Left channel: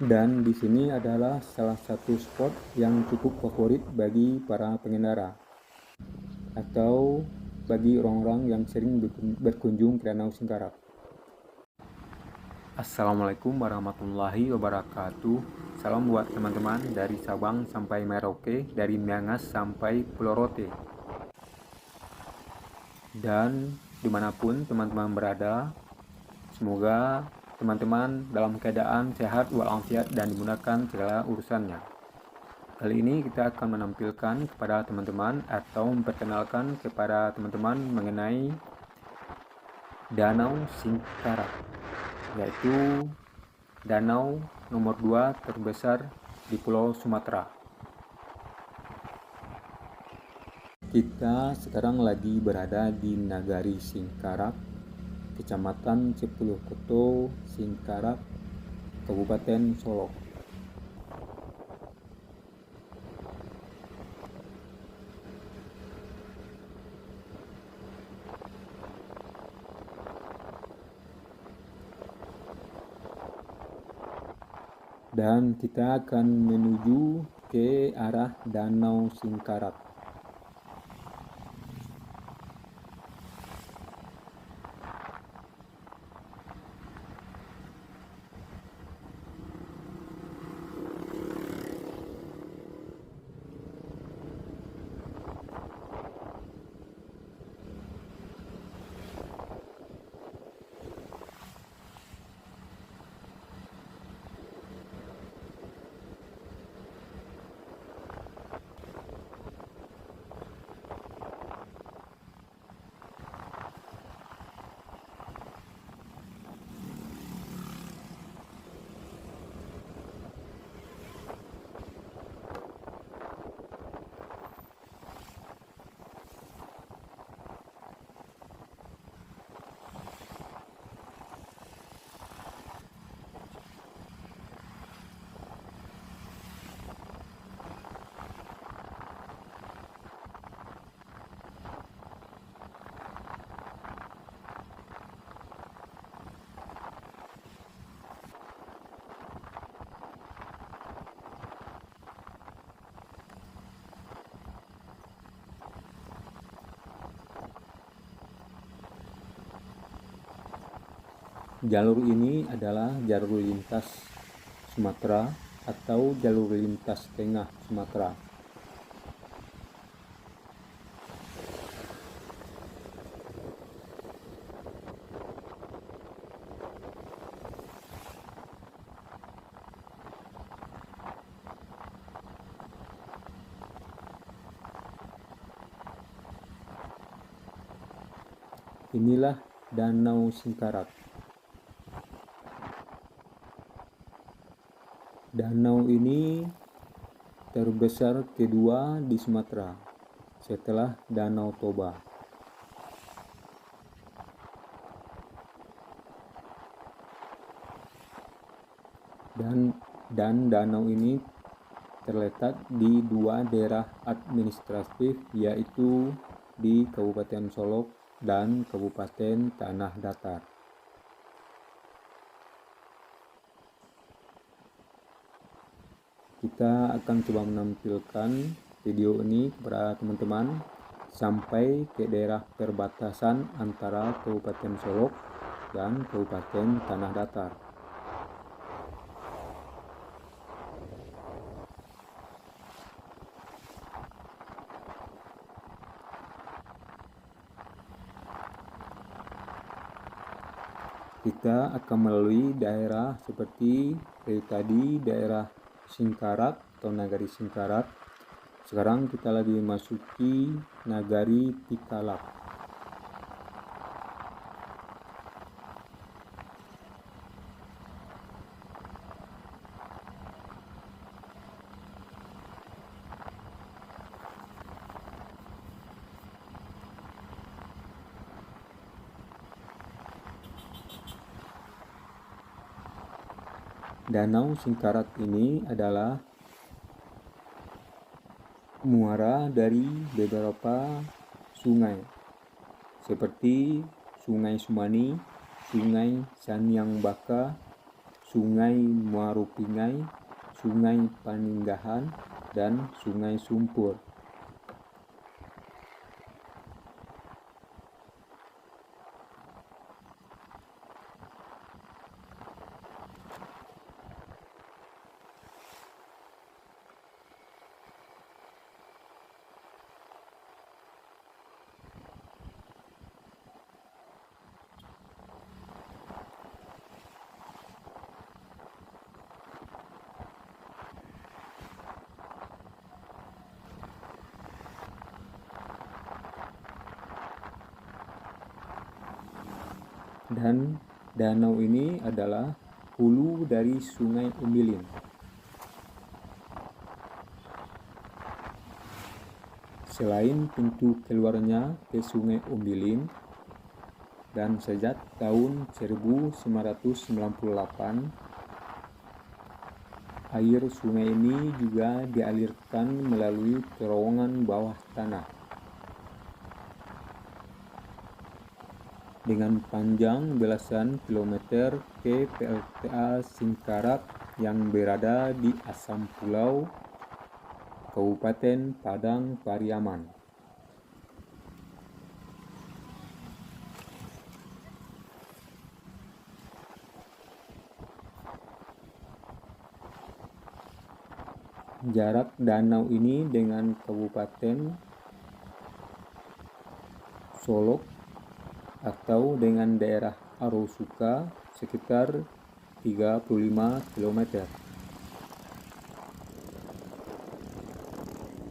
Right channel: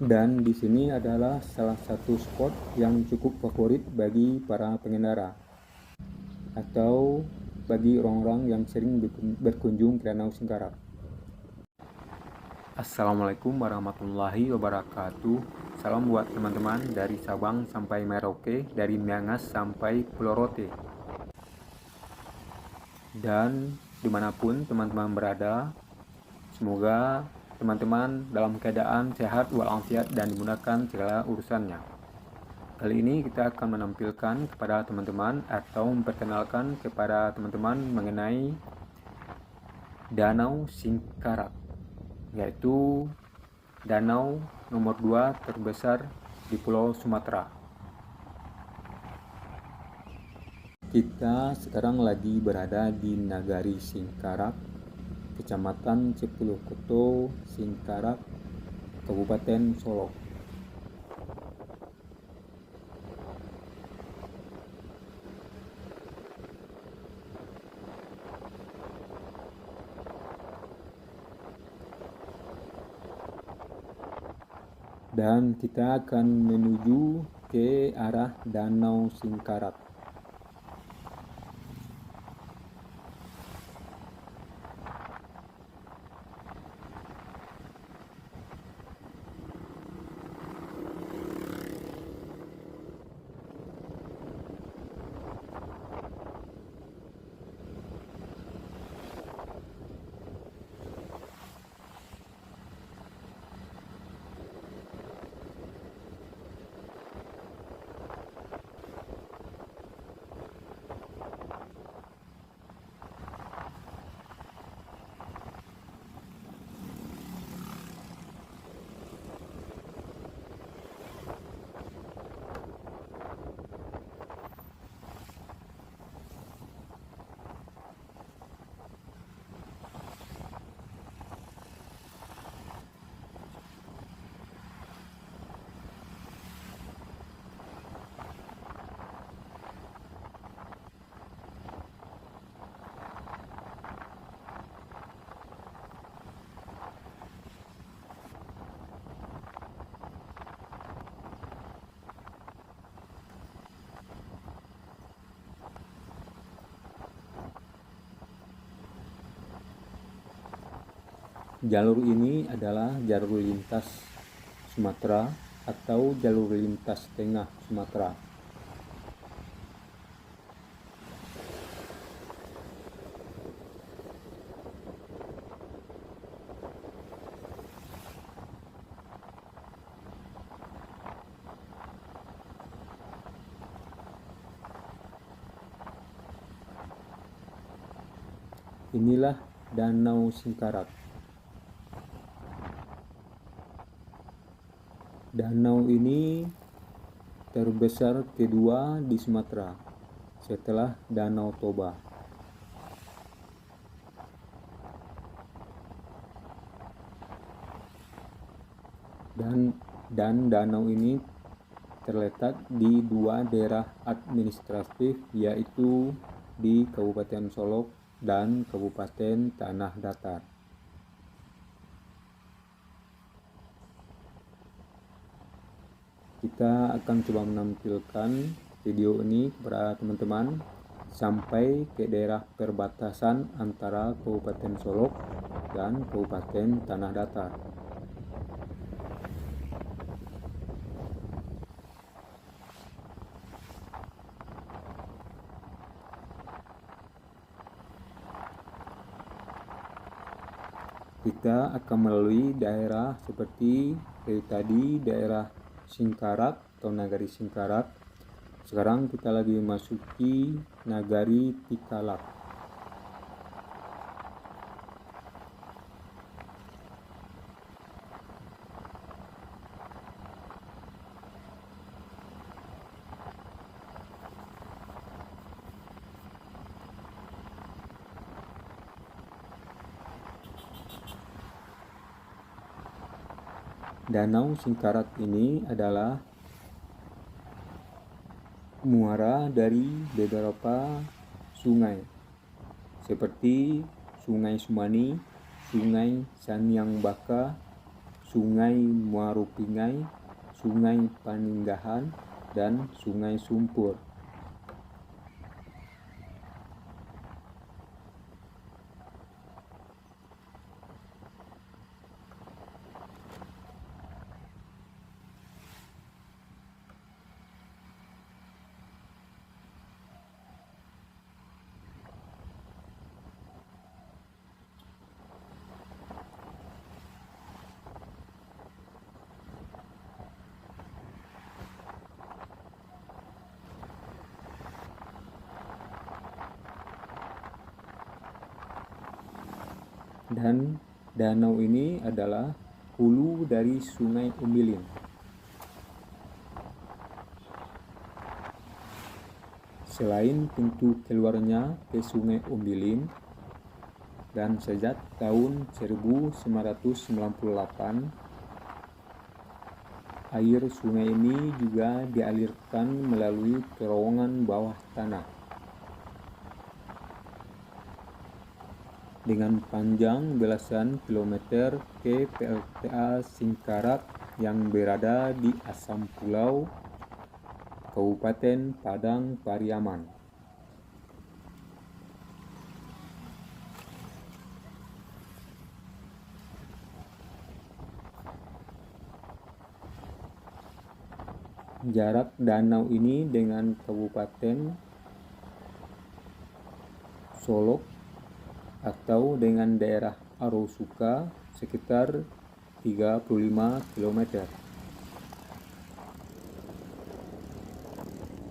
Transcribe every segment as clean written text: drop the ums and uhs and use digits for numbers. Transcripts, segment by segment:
Dan di sini adalah salah satu spot yang cukup favorit bagi para pengendara atau bagi orang-orang yang sering berkunjung ke Danau Singkarak. Assalamualaikum warahmatullahi wabarakatuh. Salam buat teman-teman dari Sabang sampai Merauke, dari Miangas sampai Pulau Rote. Dan dimanapun teman-teman berada, semoga teman-teman dalam keadaan sehat walafiat dan dimudahkan segala urusannya. Kali ini kita akan menampilkan kepada teman-teman atau memperkenalkan kepada teman-teman mengenai Danau Singkarak, yaitu danau nomor 2 terbesar di Pulau Sumatera. Kita sekarang lagi berada di Nagari Singkarak, Kecamatan Cepulukoto, Singkarak, Kabupaten Solok. Dan kita akan menuju ke arah Danau Singkarak. Jalur ini adalah jalur lintas Sumatera atau jalur lintas tengah Sumatera. Inilah Danau Singkarak. Danau ini terbesar kedua di Sumatera setelah Danau Toba. Dan danau ini terletak di dua daerah administratif, yaitu di Kabupaten Solok dan Kabupaten Tanah Datar. Kita akan coba menampilkan video ini kepada teman-teman sampai ke daerah perbatasan antara Kabupaten Solok dan Kabupaten Tanah Datar. Kita akan melalui daerah seperti tadi daerah Singkarak atau Nagari Singkarak. Sekarang kita lagi memasuki Nagari Tikalak. Danau Singkarak ini adalah muara dari beberapa sungai seperti Sungai Sumani, Sungai Saniang Baka, Sungai Muarupingai, Sungai Paninggahan, dan Sungai Sumpur. Dan danau ini adalah hulu dari Sungai Umbilin. Selain pintu keluarnya ke Sungai Umbilin, dan sejak tahun 1998, air sungai ini juga dialirkan melalui terowongan bawah tanah. Dengan panjang belasan kilometer ke PLTA Singkarak yang berada di Asam Pulau, Kabupaten Padang Pariaman. Jarak danau ini dengan Kabupaten Solok atau dengan daerah Arosuka sekitar 35 km.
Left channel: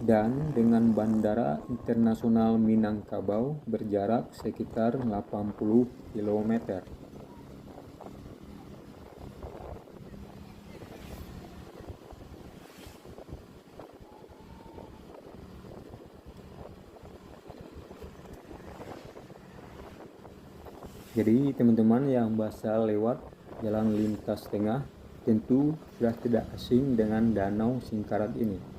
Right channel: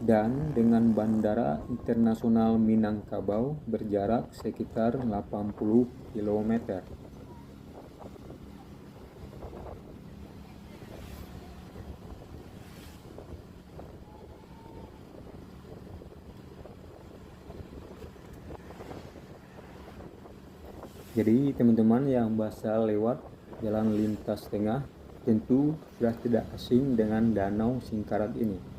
Dan dengan Bandara Internasional Minangkabau berjarak sekitar 80 km. Jadi teman-teman yang biasa lewat jalan lintas tengah tentu sudah tidak asing dengan Danau Singkarak ini.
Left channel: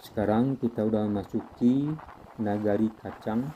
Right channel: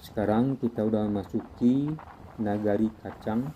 Sekarang kita udah masuki Nagari Kacang.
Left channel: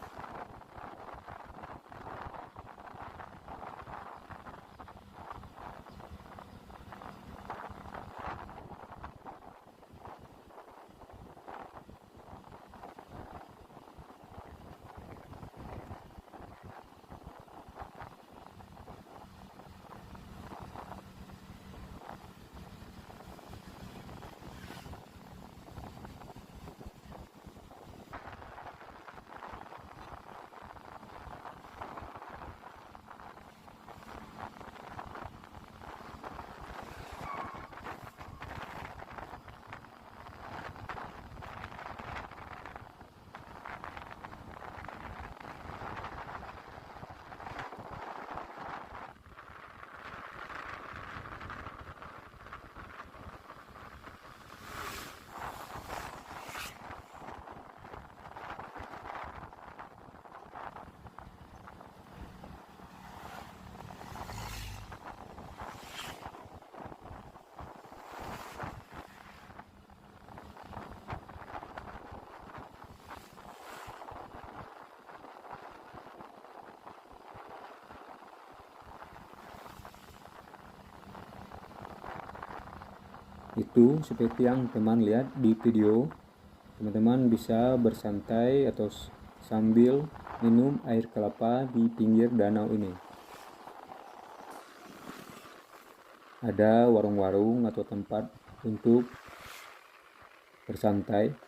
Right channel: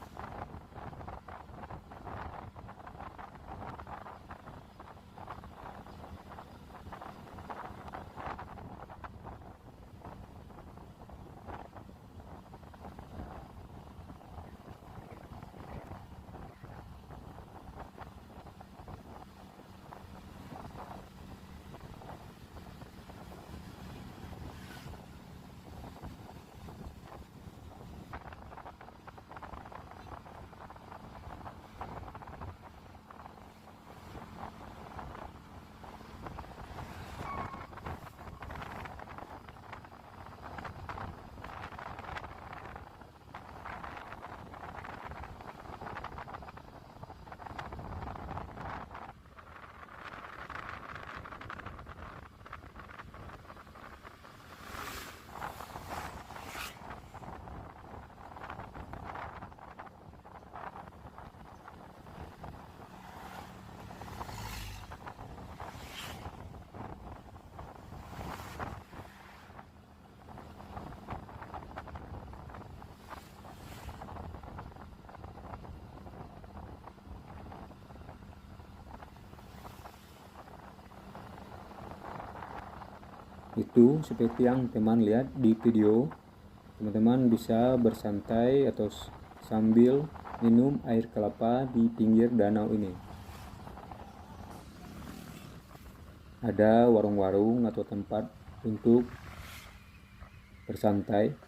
Itu seperti yang teman lihat di video. Teman-teman bisa bersantai atau sambil minum air kelapa di pinggir danau ini. Ada warung-warung atau tempat untuk bersantai.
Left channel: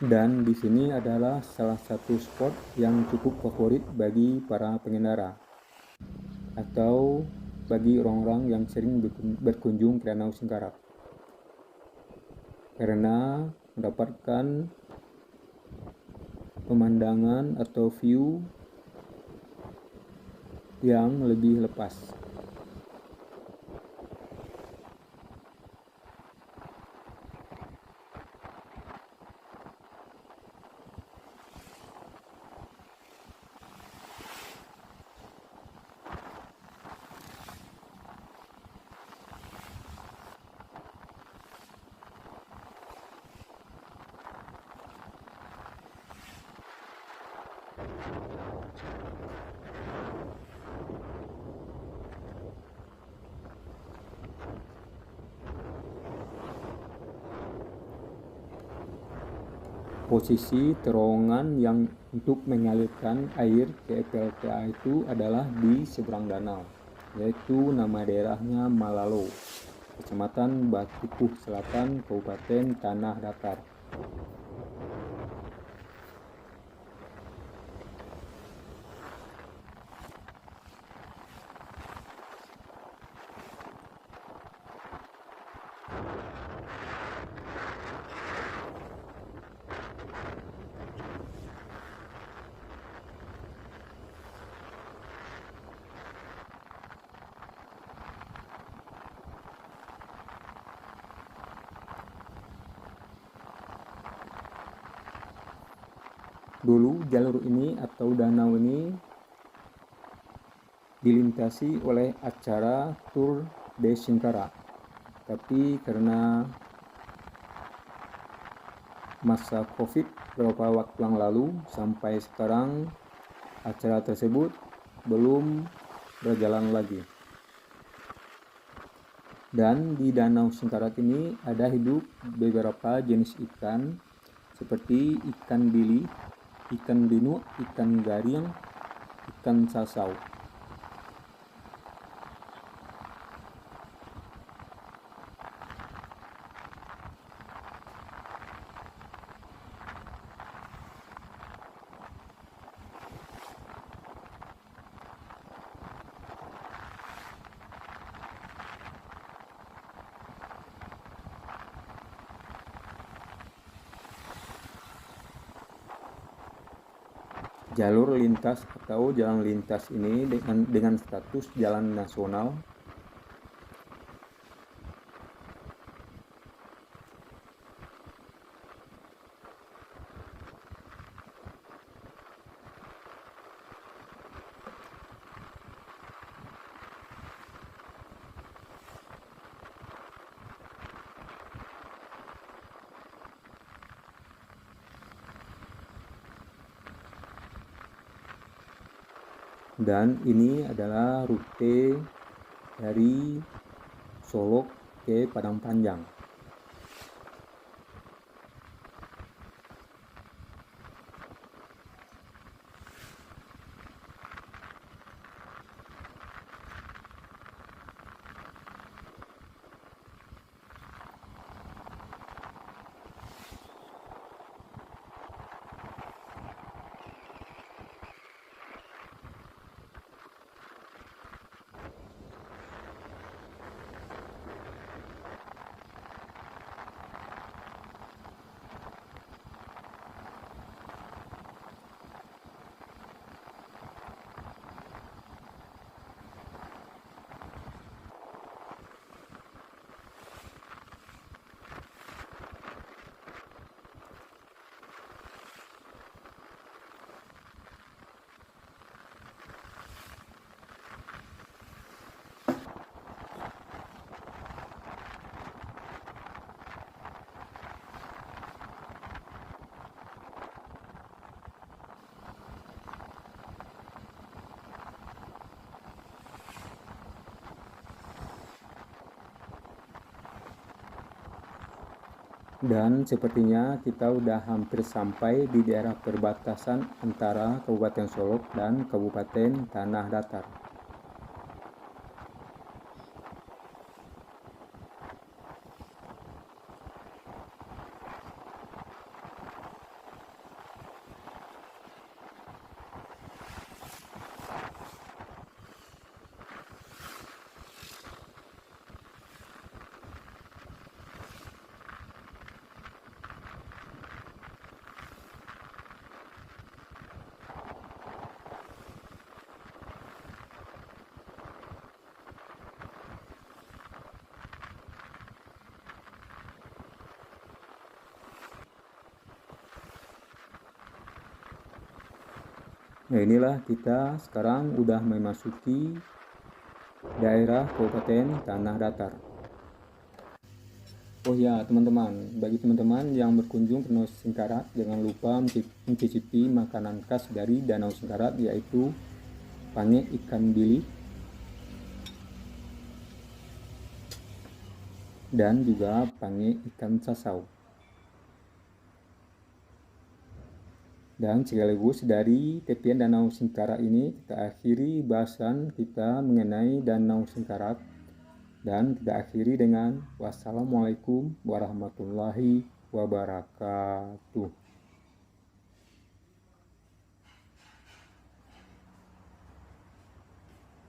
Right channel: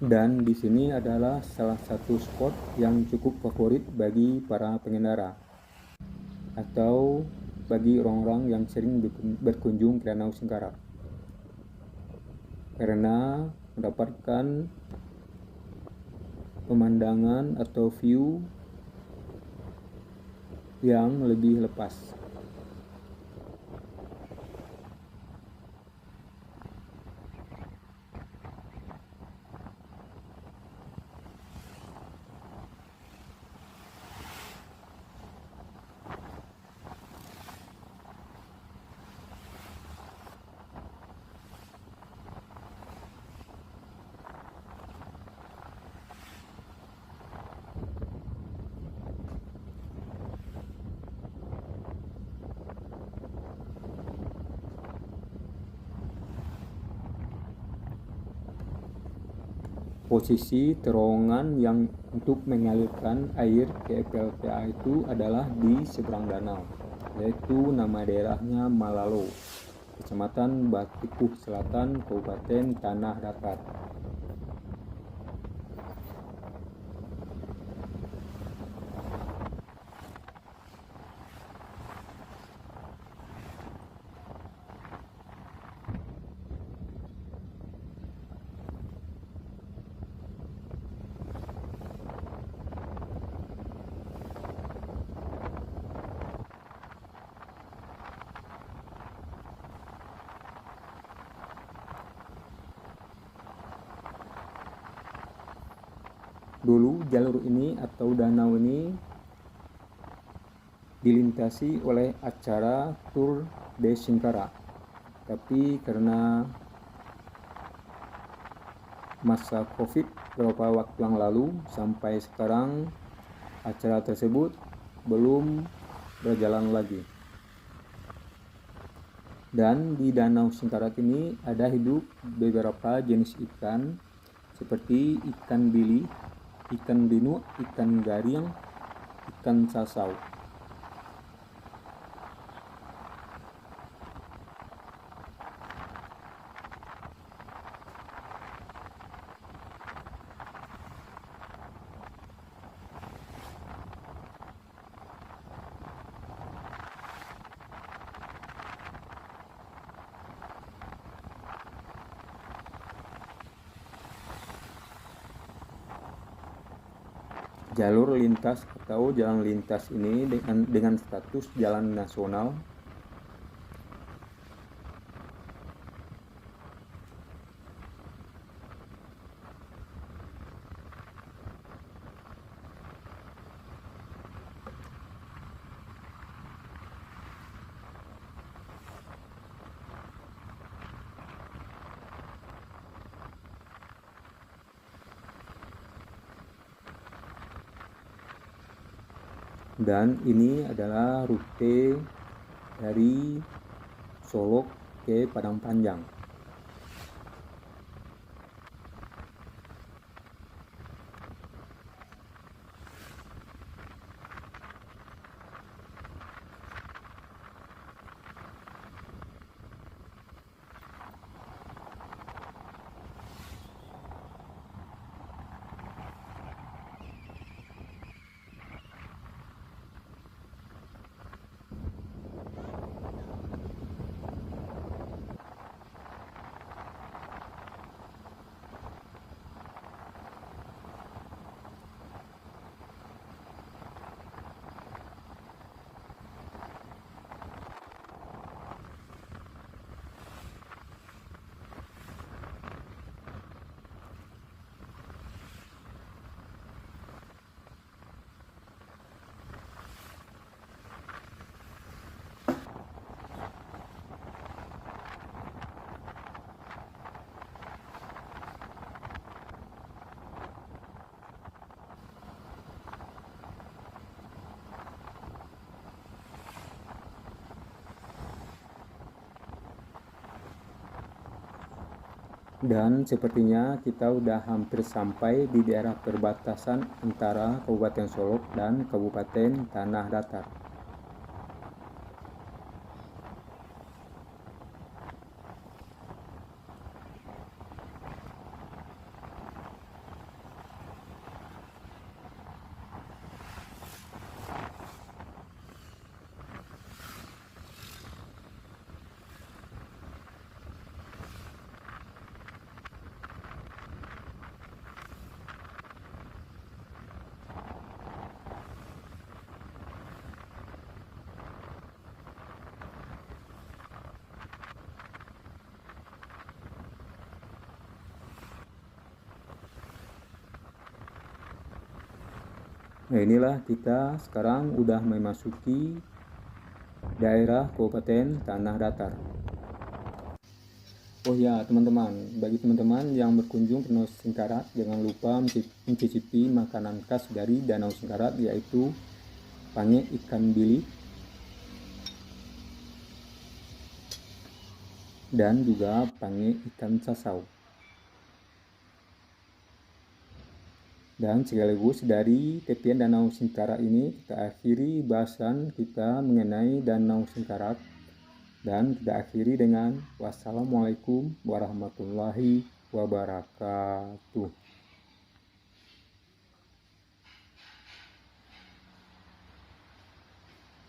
Dan di sini adalah salah satu spot yang cukup favorit bagi para pengendara atau bagi orang-orang yang sering berkunjung ke Danau Singkarak, karena mendapatkan pemandangan atau view yang lebih lepas. Posisi terowongan yang untuk mengalirkan air ke PLTA itu adalah di seberang danau, yaitu nama daerahnya Malalo, Kecamatan Batipuh Selatan, Kabupaten Tanah Datar. Dulu jalur ini atau danau ini dilintasi oleh acara Tour de Singkarak, tapi karena masa Covid beberapa waktu yang lalu sampai sekarang acara tersebut belum berjalan lagi. Dan di Danau Singkarak ini ada hidup beberapa jenis ikan seperti ikan bili, ikan binu, ikan garing, ikan sasau. Jalur lintas atau jalan lintas ini dengan status jalan nasional dan ini adalah rute dari Solok ke Padang Panjang. Dan sepertinya kita udah hampir sampai di daerah perbatasan antara Kabupaten Solok dan Kabupaten Tanah Datar. Nah, inilah kita sekarang udah memasuki daerah Kabupaten Tanah Datar. Oh ya teman-teman, bagi teman-teman yang berkunjung ke Danau Singkarak, jangan lupa mencicipi makanan khas dari Danau Singkarak, yaitu pange ikan bilik dan juga pange ikan sasau. Dan sekaligus dari tepian Danau Singkarak ini kita akhiri bahasan kita mengenai Danau Singkarak. Dan kita akhiri dengan wassalamualaikum warahmatullahi wabarakatuh.